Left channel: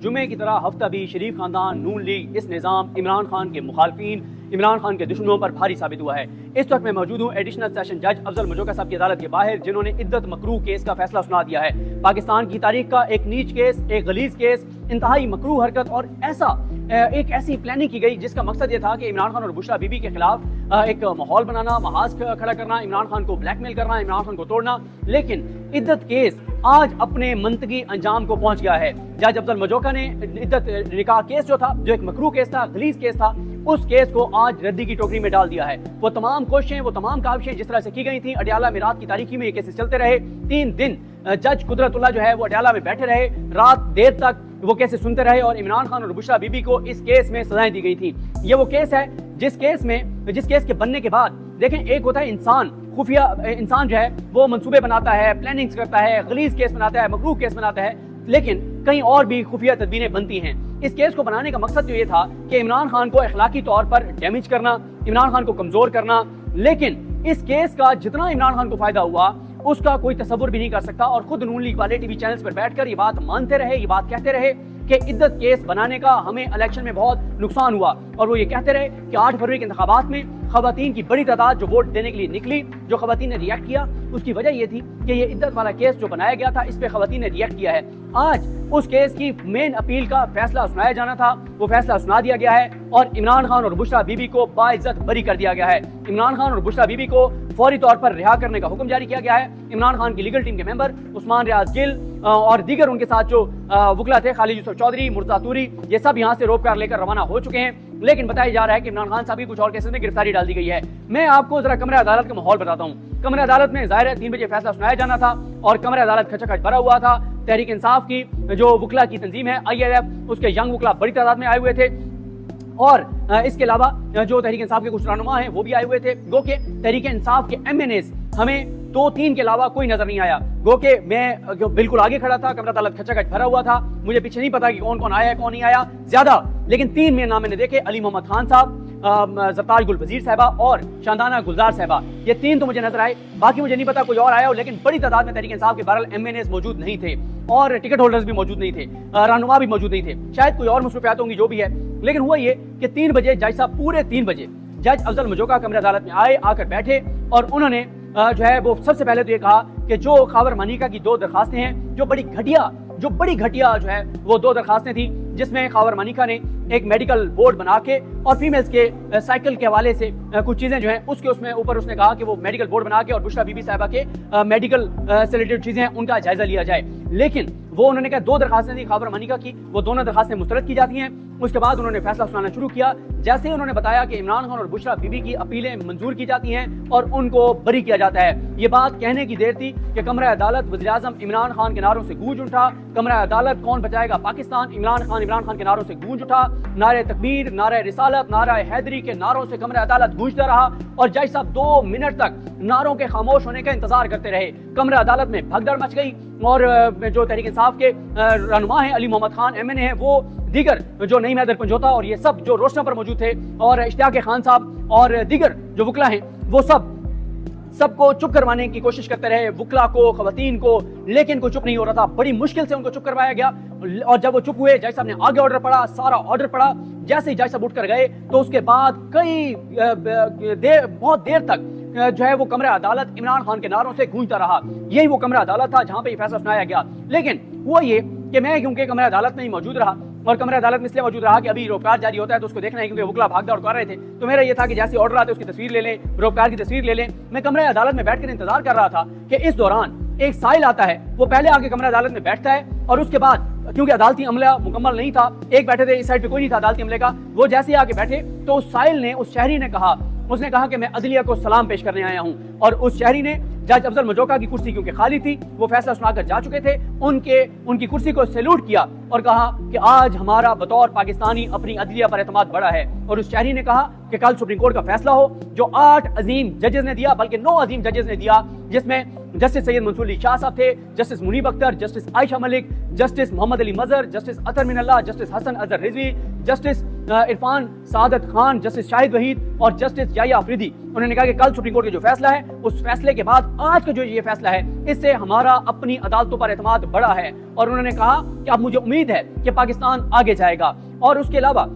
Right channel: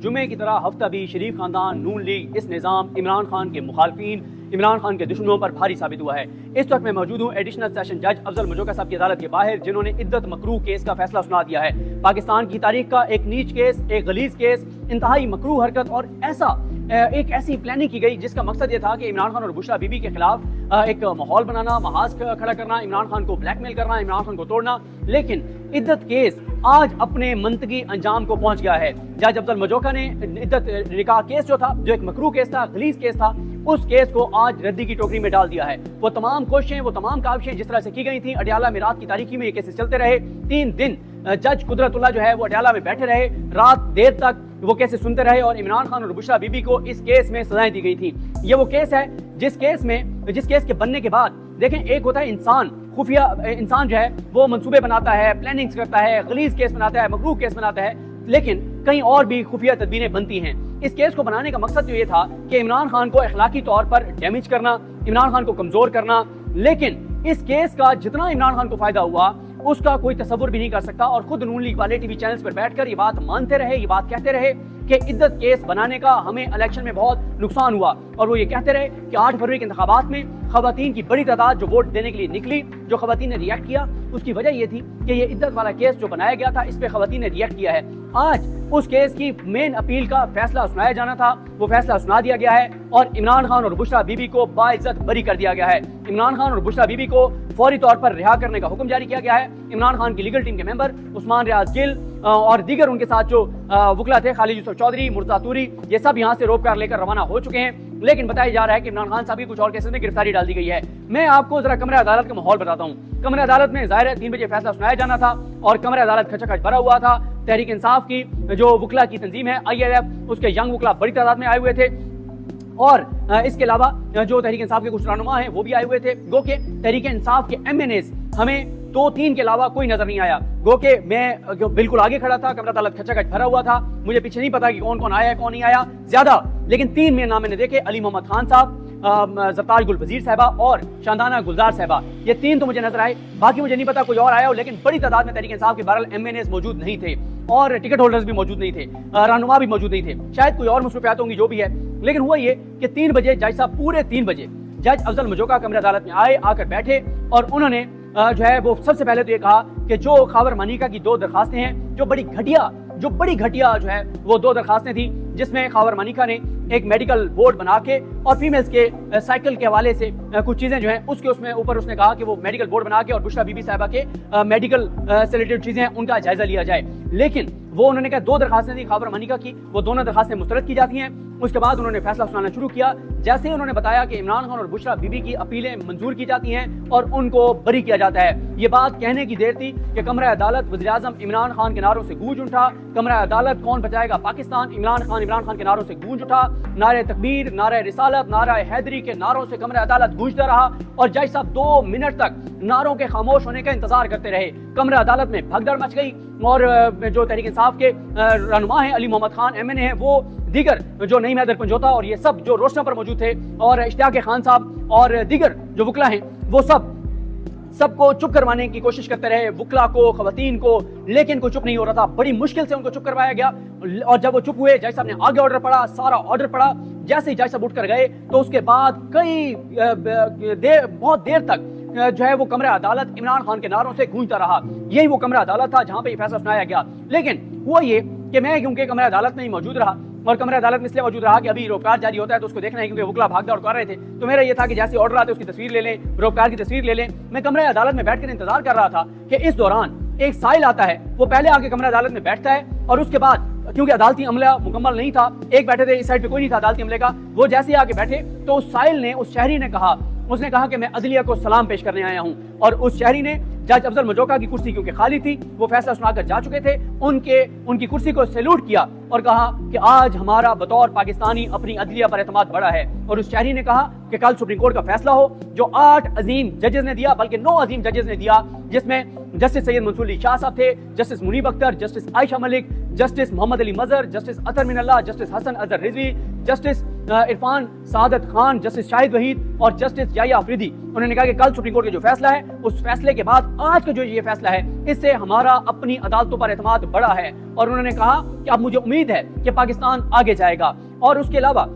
जुमे की तरह हफ्ता भी शरीफ खानदान, नून लीग, इस निज़ाम, इमरान खान के मुखालफीन, इमरान खान के दुश्मनों पर भारी साबित हुआ है। इस वक्त मैं मौजूद हूँ एडिशनल सेशन जज अफजल मजोका साहब की अदालत के बाहर, जिन्होंने इद्दत मकरूह केस का फैसला सुना दिया है। पाकिस्तान की तारीख का एक नीच केस, एक गलीज केस, इंतहाई मकरूह हरकत और एक ऐसी प्लानिंग की गई जिसका मकसद ये था कि इमरान खान और बुशरा बीबी के खिलाफ एक माहौल बनाना, महाज खड़ा करना, इमरान खान को ब्लैकमेल करना, इमरान खान को तोड़ना। लेकिन इद्दत केस आज अपने मंतकी अंजाम को पहुंच गया है। जज अफजल मजोका ने इद्दत निकाह केस जो था, जो एक मकरूह केस था, गलीज केस था, उस केस को आज रद्दी की टोकरी में डाल दिया है। वो तमाम कोशिशें, वो तमाम काविशें जिस तरह से की गई थी, अडियाला में रात की तारीखी में ये केसेस चलते रहे। 3 दिन जज कुदरतुल्लाह जो है वो अडियाला में बैठे रहे, रात देर तक वो केसेस सुनते रहे और इमरान खान और बुशरा बीबी को इस केस में सजाएं दी गई थी। ये वो केस है जिस केस के बनने के बाद, देखें, एक होता है इंसान, खुफिया इंसान जो है वो मंसूबे बनाता है, प्लानिंग्स करता है, गलीज केस बनाता है, मकरूह केस बनाता है, लेकिन कहीं और भी खुफिया तदबीरें बनती हैं। इस केस को बनाने का मकसद जो ये था कि इमरान खान को अखलाकी तौर पर डैमेज करना, इमरान खान को कमजोर करना। लेकिन इस केस का जितना इमरान खान को फायदा हुआ उसका कोई तसव्वुर भी नहीं कर सकता। और खुद नून लीग वाले टीवी चैनल्स पर बैठकर ये बात मानते रहे, ये बात कहते रहे कि इद्दत केस बनाने का हमें इलेक्शन में बहुत नुकसान हुआ। और वो ये कहते रहे कि 8 फरवरी के इंतखाबात में खवातीन की बड़ी तादाद जो वोट देने के लिए निकली, जो खवातीन ने रिएक्ट किया, उसकी वजह ये थी कि ये इद्दत वाला केस जो बनाया गया था, इस पे खवातीन ने रिएक्ट किया है। आज उस केस की मेन अपील का फैसला सुनाया जाना था, वो फैसला सुना दिया गया है और इमरान खान और बुशरा बीबी को बाइज्जत बरी कर दिया गया है। इमरान खान और बुशरा बीबी को फौरी तौर पर रिहा करने का हुक्म जारी किया गया है। इमरान खान की लीगल टीम के मेंबर उस्मान रियाज गिल और दीगर उनके साथ जो वकला थे, खालिद यूसुफ चौधरी, मुर्तजा तूरी, ये सब यहाँ से रोक कार लेकर रवाना हो चुके हैं। लेकिन बताया जा रहा है कि इमरान खान साहब की कुछ और केसेस में गिरफ्तारी डाल दी गई है। मैं आपको जरा कमरे अदालत का माहौल बताता हूँ। कमरे अदालत में जाहिर है 3 बजे फैसला सुनाया जाना था और कमरे अदालत खचाखच भरा हुआ था। तहरीक इंसाफ की जो वकला की तंजीम है ILF, उसके यंग वकला बड़ी तादाद में आए हुए थे और इसके अलावा जो तहरीक इंसाफ के कुछ रहनुमा हैं वो भी आए हुए थे। गो के तहरीक इंसाफ के MNAs हमें 2-3 के अलावा कोई नजर नहीं आया। गो के मैं बिल्कुल आगे खड़ा था, कमरा अदालत खचाखच भरा हुआ था, मुझे पीछे नहीं पता कि कौन कौन आया है कौन नहीं आया ज्यादा, लेकिन 3 मेरे नाम मैंने देखे, अली मोहम्मद खान साहब, ज़फ़्तार गुल वज़ीर साहबा और शानदाना गुलजार साहबा, ये 3 तो मुझे नजर आए। बाकी मुझे नहीं पता कोई और आया हो, लेकिन बड़ी तादाद में तहरीक इंसाफ के बहरहाल MNAs मौजूद नहीं थे और टिकट होल्डर्स भी मौजूद नहीं थे, रहनुमा भी मौजूद नहीं थे। शायद कोई और मसरूफियात होंगी जो भी है, लेकिन वो ये कि 3 बजे जज साहब, पूरे 3 बजे जज अफजल मजोका कमरे अदालत में आए, आके बैठे और उन्होंने जो है वो सबसे पहले ये कहा कि जो खावर मनीका की 2 दरखास्तें हैं, जो बड़ी घटिया जो है वो 2 दरखास्तें थी, जिसमें खावर मनीका ने एक मेडिकल बोर्ड बना के और फीमेल्स के साइकिल के हवाले से कुछ चीजें जो है उसके ऊपर उसने कहा कि वो मेडिकल बोर्ड बना के और बुशरा बीबी साहिबा के मेडिकल से रिलेटेड चीजें उनका जायजा लिया जाए। लेकिन वो उन्होंने कहा 2 दरखास्तें थी खावर मनीका की, वो दोनों दरखास्तें मुस्तरद की जाती हैं। उसके बाद उन्होंने फैसला सुनाना शुरू किया। जैसे उन्होंने बताया कि इमरान खान और बुशरा बीबी की अपीलें मंजूर की जाती हैं और उनको बरी किया जाता है। ये बात कहने की देर थी कि कमरा अदालत वज़ीर-ए-आज़म इमरान खान के नारों से गूंज उठा। कमरा अदालत कौन बचाएगा पाकिस्तान, इमरान खान के नारों से गूंज उठा। नारे तकबीर, नारे रिसालत, नारे हैदरी के नारों से कमरा अदालत गूंजता रहा और जज साहब 2 मिनट तक नारों के खामोश होने का इंतजार करते रहे। कमरा अदालत में भगदड़ मच गई और जो तहरीक इंसाफ के रहनुमा हैं, अली मोहम्मद खान MNA हैं, वो दीगर जो नईम हैदर पंजोता और ये सब जो रोशना पर मौजूद थे और इश्तियाक खान साहब और दीगर जो वकला हैं, वो सबको चुप करवाने की कोशिश करते रहे, वकला को, खवातीन को, लेकिन कोई चुप नहीं हो रहा था। बड़ी मुश्किल से उनको चुप करवाया गया और जब वो चुप हुए, जज साहब ने आगे ऑर्डर पढ़ा, सारा ऑर्डर पढ़ा। जैसे ही जज साहब उठकर गए तो उसके बाद बहुत देर तक जो है वो कमरा अदालत इमरान खान के नारों से गूंजता रहा। यही वो कमरा अदालत था जहां पे ये फैसला सुनाया गया। लेकिन वो ये कि मैं क्योंकि कमरा अदालत में ही मौजूद रहा और कमरा अदालत में इसलिए मौजूद रहा कि अभी रोककार जारी होता है तो उसको देखना है, क्योंकि वकला भाग दौड़ कर रहे थे, तो मेरा ये था कि जैसे ऑर्डर आते उसकी तस्वीर ले लें, रोककार की तस्वीर ले लें। मैं कमरा अदालत में बैठकर इंतजार कर रहा था कि इस दौरान एक साहिल आता है, वो पहले आके कमरा अदालत में बैठता है और उसके बाद क्योंकि अदालती अमला मुकम्मल नहीं था, एक बैठे थे, इस साइड पे कोई नहीं था अदालती अमले का, वो जैसे ही आके बैठे तो उस साहिल ने, उस शहरी ने कहा, उसने कहा कि मैं अदलिया को सलाम पेश करने आया हूं। और उस शहरी ने जज अफजल मजोका की कुर्सी क्योंकि खाली थी, वो फैसला सुनाकर जा चुके थे, उनकी कुर्सी को सैल्यूट किया और कहा कि आज हमारा बतौर पाकिस्तानी अपनी अदलिया पर एतमाद बढ़ा है। और उस शहरी ने कहा कि कल सुप्रीम कोर्ट का फैसला हो जो 8 अजीम जजेस ने दिया, बल्कि 9 अजीम जजेस ने दिया, जिसमें जस्टिस सैयद मंसूर अली शाह साहब थे, justice Munib Akhtar, justice Ayesha Malik, justice Mohammad Ali Mazhar, justice Athar Minallah, justice Hasan Azhar Rizvi, justice Irfan Saadat Khan, justice Shahid Waheed और जस्टिस याया अफरीदी, उन्होंने कहा कि कल सुप्रीम कोर्ट का जो फैसला है उस फैसले के बाद आज का जो ये फैसला है इससे हमारा अपनी अदालतों पर एतमाद बढ़ा है। और उन्होंने कहा कि अब मुझे उम्मीद है कि पाकिस्तान आगे जाएगा। और उसके अलावा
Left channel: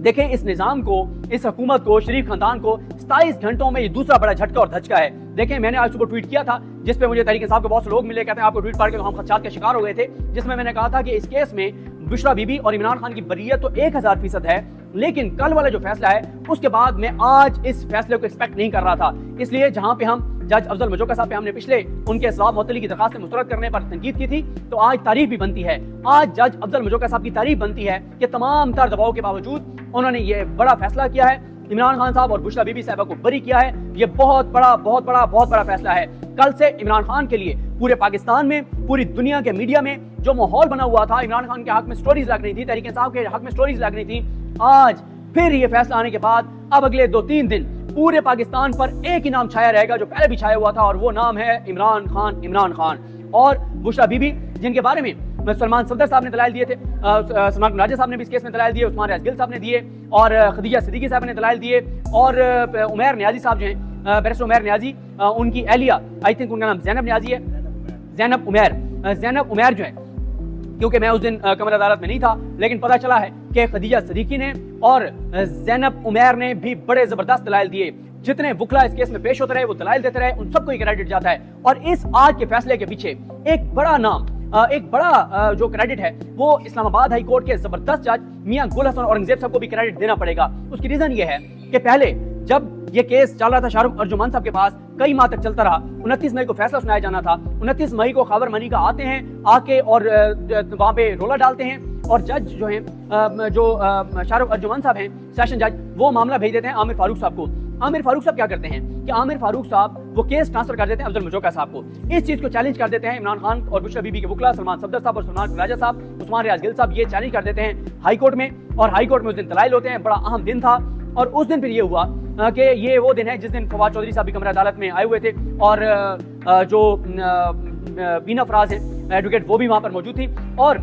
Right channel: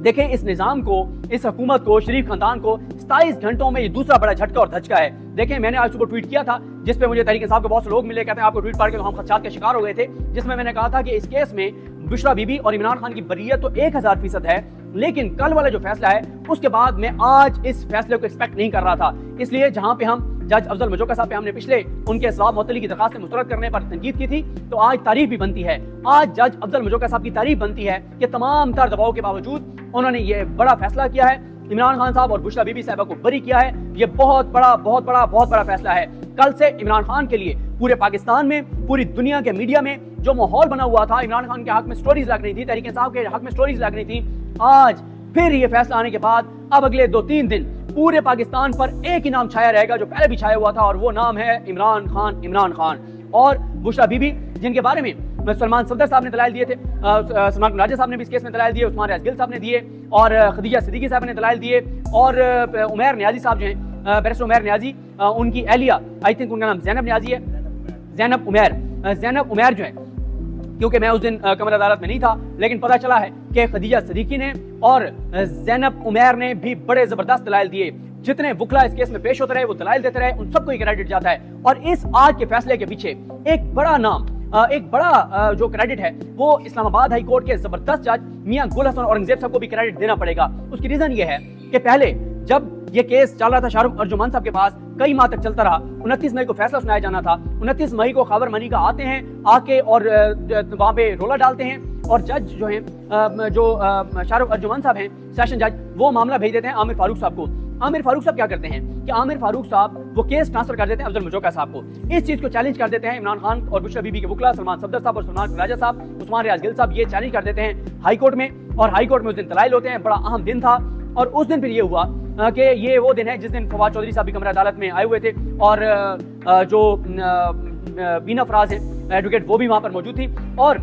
देखें, इस निजाम को, इस हुकूमत को, शरीफ खानदान को 27 घंटों में ये दूसरा बड़ा झटका और धचका है। देखें, मैंने आज सुबह ट्वीट किया था जिस पे मुझे तहरीक इंसाफ के बहुत से लोग मिले, कहते हैं आपको ट्वीट पढ़ के तो हम खदशात के शिकार हो गए थे, जिसमें मैंने कहा था कि इस केस में बुशरा बीबी और इमरान खान की बरीयत तो 1000% है, लेकिन कल वाला जो फैसला है उसके बाद मैं आज इस फैसले को एक्सपेक्ट नहीं कर रहा था। इसलिए जहां पे हम जज अफजल मजोका साहब पे हमने पिछले उनके सवाब मुअत्तली की दरखास्त मुस्तरद करने पर तनकीद की थी, तो आज तारीफ भी बनती है, आज जज अफजल मजोका साहब की तारीफ बनती है कि तमाम तर दबाव के बावजूद उन्होंने ये बड़ा फैसला किया है, इमरान खान साहब और बुशरा बीबी साहबा को बरी किया है। ये बहुत बड़ा फैसला है। कल से इमरान खान के लिए पूरे पाकिस्तान में, पूरी दुनिया के मीडिया में जो माहौल बना हुआ था, इमरान खान के हक में स्टोरीज लग रही थी, तहरीक इंसाफ के हक में स्टोरीज लग रही थी, आज फिर ये फैसला आने के बाद अब अगले 2-3 दिन पूरे पाकिस्तान पर एक ही नाम छाया रहेगा जो पहले भी छाया हुआ था, और वो नाम है इमरान खान। और बुशरा बीबी, जिनके बारे में सलमान सफदर साहब ने दलाइल दिए थे, सलमान राजा साहब ने भी इस केस में दलाइल दिए, उस्मान रियाज गिल साहब ने दिए, और खदीजा सिद्दीकी साहब ने दलाइल दिए, और उमैर नियाजी साहब जो हैं, बैरिस्टर उमैर नियाजी, उनकी एहलिया, आई थिंक उनका नाम ज़ैनब नियाजी है, ज़ैनब उमैर जो है, क्योंकि मैं उस दिन कमर अदालत में नहीं था, लेकिन पता चला है कि खदीजा सिद्दीकी ने और ज़ैनब उमैर ने भी बड़े जबरदस्त दलाइल दिए। जितने वकला इस केस में पेश होते रहे, वो दलाइल देते रहे, उन सबको क्रेडिट जाता है। और इस आज के फैसले के पीछे एक बड़ा नाम, एक बड़ा जो क्रेडिट है वो इस्लामाबाद हाई कोर्ट के जबरदस्त जज मियां गुल हसन औरंगजेब साहब को भी क्रेडिट देना पड़ेगा। उसकी रीजन ये है कि पहले जब ये केस चल रहा था शाहरुख अर्जुमान साहब के पास, कई माह तक चलता रहा, 29 मई को फैसला सुनाया जाना था, 29 मई को खबर मनी का आते हैं, आके और वहाँ पे रोला डालते हैं, और जज जो हैं, जो शाहरुख अर्जुमान साहब हैं सेशन जज, वो मामला भेज देते हैं आमिर फारूक साहब को। आमिर फारूक साहब क्या करते हैं कि आमिर फारूक साहब वो केस ट्रांसफर कर देते हैं अफजल मजोका साहब को। इस चीज को चैलेंज कर देते हैं इमरान खान और बुशरा बीबी के वकला सलमान सफदर साहब और सलमान राजा साहब, उस्मान रियाज गिल साहब, ये चैलेंज कर देते हैं हाई कोर्ट में, और हाई कोर्ट में उस दिन दलाइल होते हैं। बड़ा अहम दिन था, और उस दिन फिर ये हुआ कि ये वो दिन है जिस दिन फवाद चौधरी साहब भी कमरा अदालत में आए हुए थे, और जो बीना फराज है एडवोकेट, वो भी वहां पर मौजूद थी। और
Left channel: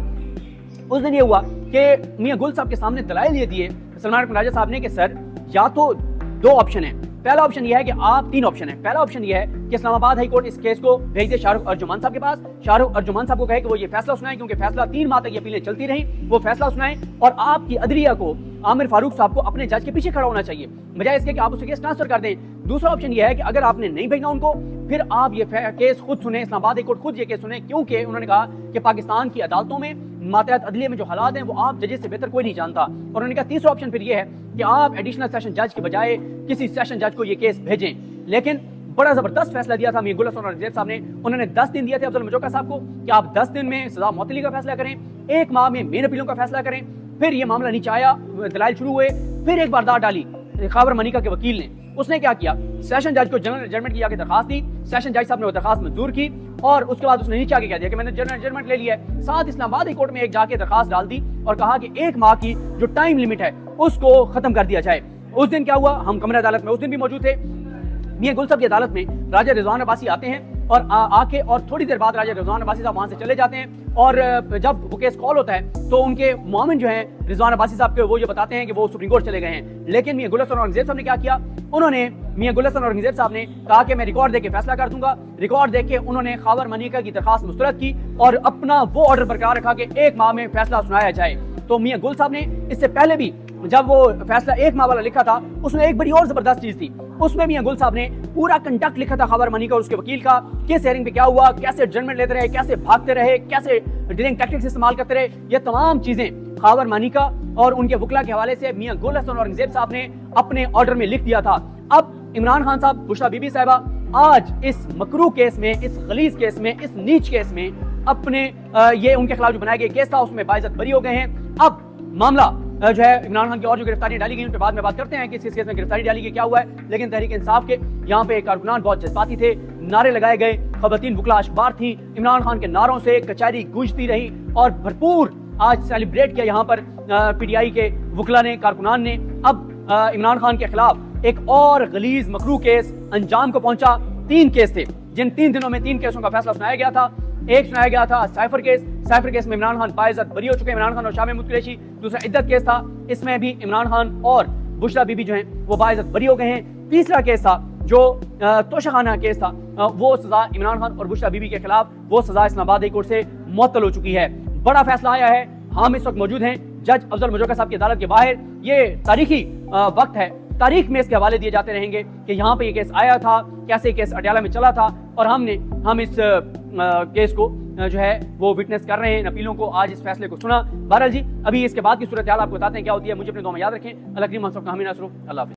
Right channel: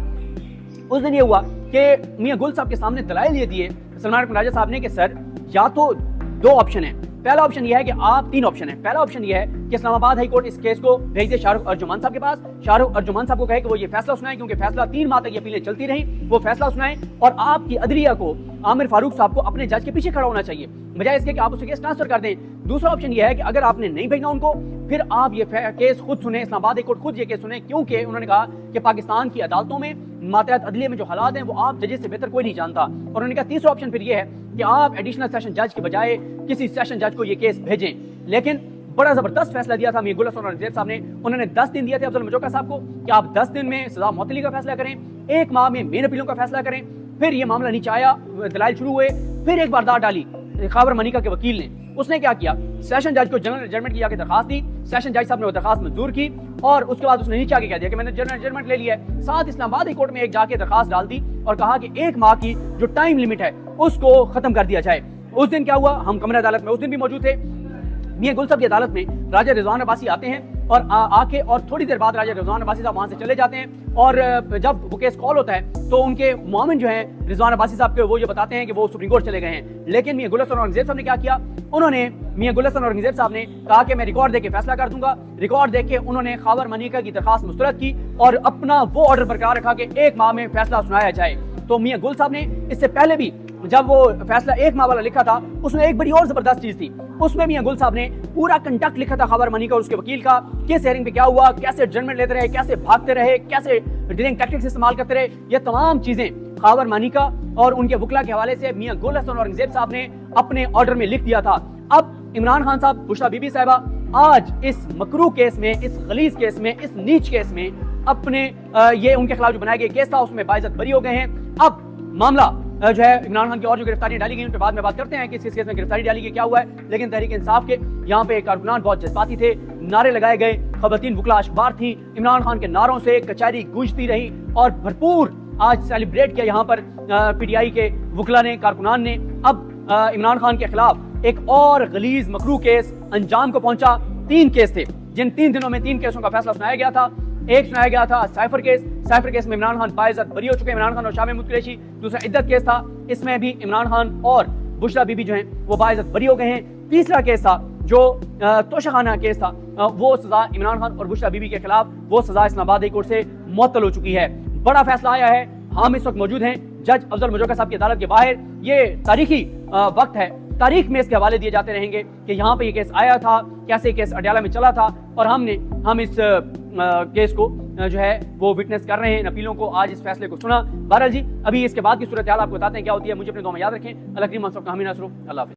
उस दिन ये हुआ कि मियां गुल साहब के सामने दलाइल ये दिए सलमान राजा साहब ने कि सर, या तो 2 ऑप्शन है, पहला ऑप्शन ये है कि आप 3 ऑप्शन है। पहला ऑप्शन ये है कि इस्लामाबाद हाई कोर्ट इस केस को भेज दे शाहरुख अर्जुमान साहब के पास, शाहरुख अर्जुमान साहब को कहे कि वो ये फैसला सुनाए, क्योंकि फैसला 3 माह तक ये अपीलें चलती रही, वो फैसला सुनाए, और आपकी अदलिया को, आमिर फारूक साहब को अपने जज के पीछे खड़ा होना चाहिए, बजाय इसके कि आप उसे केस ट्रांसफर कर दें। दूसरा ऑप्शन ये है कि अगर आपने नहीं भेजना उनको, फिर आप ये केस खुद सुने, इस्लामाबाद हाई कोर्ट खुद ये केस सुने, क्योंकि उन्होंने कहा कि पाकिस्तान की अदालतों में, मातहत अदलिया में जो हालात हैं वो आप जजेस से बेहतर कोई नहीं जानता। और उन्होंने कहा तीसरा ऑप्शन फिर ये है कि आप एडिशनल सेशन जज के बजाय किसी सेशन जज को ये केस भेजें। लेकिन बड़ा जबरदस्त फैसला दिया था मियां गुल हसन औरंगजेब साहब ने। उन्होंने 10 दिन दिए थे अफजल मजोका साहब को कि आप 10 दिन में सजा मुअत्तली का फैसला करें, 1 माह में मेन अपीलों का फैसला करें। फिर ये मामला नीचे आया, दलाइल शुरू हुए, फिर एक बार दाद डाली खबर मनिका के वकील ने। उसने क्या किया, सेशन जज को जनरल जजमेंट की आके दरखास्त दी, सेशन जज साहब ने वो दरखास्त मंजूर की, और उसके बाद उसने नीचे आके कह दिया कि मैंने जनरल जजमेंट ले लिया है। साथ इस्लामाबाद हाई कोर्ट में एक जाके दरखास्त डाल दी और कहा कि 1 माह की जो टाइम लिमिट है उसको खत्म कर दिया जाए। उस दिन क्या हुआ, हम कमरा अदालत में उस दिन भी मौजूद थे। मियां गुल साहब की अदालत में राजा रिजवान अब्बासी आते हैं, और आके और थोड़ी देर बाद राजा रिजवान अब्बासी साहब वहां से चले जाते हैं। और जब वो केस कॉल होता है तो उनके मुआमिन जो हैं रिजवान अब्बासी साहब के, वो ये बताते हैं कि वो सुप्रीम कोर्ट चले गए हैं। लेकिन मियां गुल हसन औरंगजेब साहब ने क्या किया, उन्होंने मियां गुल हसन औरंगजेब साहब ने कहा कि मैं रिकॉर्ड देके फैसला कर दूंगा। रिकॉर्ड देके उन्होंने खबर मनिका की दरखास्त मुस्तरद की और अपना वो ऑर्डर बरकरार रखा कि 1 माह में फैसला सुनाया जाए। तो मियां गुल साहब ने इससे पहले भी जब वो फैसला 1 माह वाला लिखा था, उसमें एक बड़ी और जबरदस्त चीज थी। उसमें मियां गुल साहब ने पूरा कंडक्ट लिखा था खबर मनी का और उसके वकील का, किस हेयरिंग पे क्या हुआ, कैसे जजमेंट लेते रहे, कैसे भागते रहे, कैसे डिलेइंग टैक्टिक्स इस्तेमाल करते रहे। ये तमाम चीजें खबर मनी का और उनके वकला के हवाले से मियां गुल हसन औरंगजेब साहब ने अपने ऑर्डर में लिख दिया था। अब इमरान खान साहब, बुशरा बीबी साहिबा आज इस मकरू केस में, इस गलीज केस में, इस नीच केस में अपने ये उनके खिलाफ जो बनाया गया केस था उसमें बाइज्जत बरी हो गए हैं। अब मामला जो है इमरान खान की और जो गिरफ्तारियां डाली गई उन पर बाद में बात करते हैं कि इस केस में गिरफ्तारी डाली गई, क्या हुआ है। लेकिन तहरीक इंसाफ के यहाँ पे कारकुनान बहुत जज्बाती थे, नारे लगाए गए, खवातीन वकला अखबार थी, इमरान खान के नारों से कचहरी गूंजती रही और भरपूर आज सेलिब्रेट किया यहाँ पर PTI के वकला ने, कारकुनान ने। अब इमरान खान के खिलाफ एक और गलीज मकरू केस अंजाम को पहुंचा। 3 केस थे जिन 3 दिनों में 3 केसों का फैसला सुनाया गया था। ایک سنایا گیا تھا سائفر کیس میں عمران خان باعزت بری ہو چکے ہیں، عمران خان اور شاہ محمود قریشی. دوسرا عدت کیس تھا، اس میں بھی عمران خان اور بشرا بی بی جو ہیں وہ باعزت بری ہو گئے ہیں. تیسرا کیس تھا جو توشخانہ کیس تھا، وہ سزا عمران خان اور بشرا بی بی کے خلاف وہ سزا اسلام آباد ہائی کورٹ سے معطل ہو چکی ہے. بڑا فیصلہ آیا ہے. ہم اس وقت موجود ہیں جج افضل مجوکا صاحب کی عدالت کے باہر. یہ تاریخی وقت ہے، تاریخ میں اس کے حوالے دیے جاتے رہیں گے کہ یہاں پہ یہ کیس آیا تھا، کیسے کیس اڈیالہ میں چلا تھا، اور ہم اس کیس کو جو ہے وہ وٹنس کر رہے ہیں، اپیلوں کو آج اس فیصلے کو سنا. بہرحال جی ابھی اس کے بعد کی صورتحال آپ کو بتاتے ہیں کیا ہوتی ہے. مجھے اپنے دعا میں یاد رکھیں. اللہ کریم اللہ حافظ.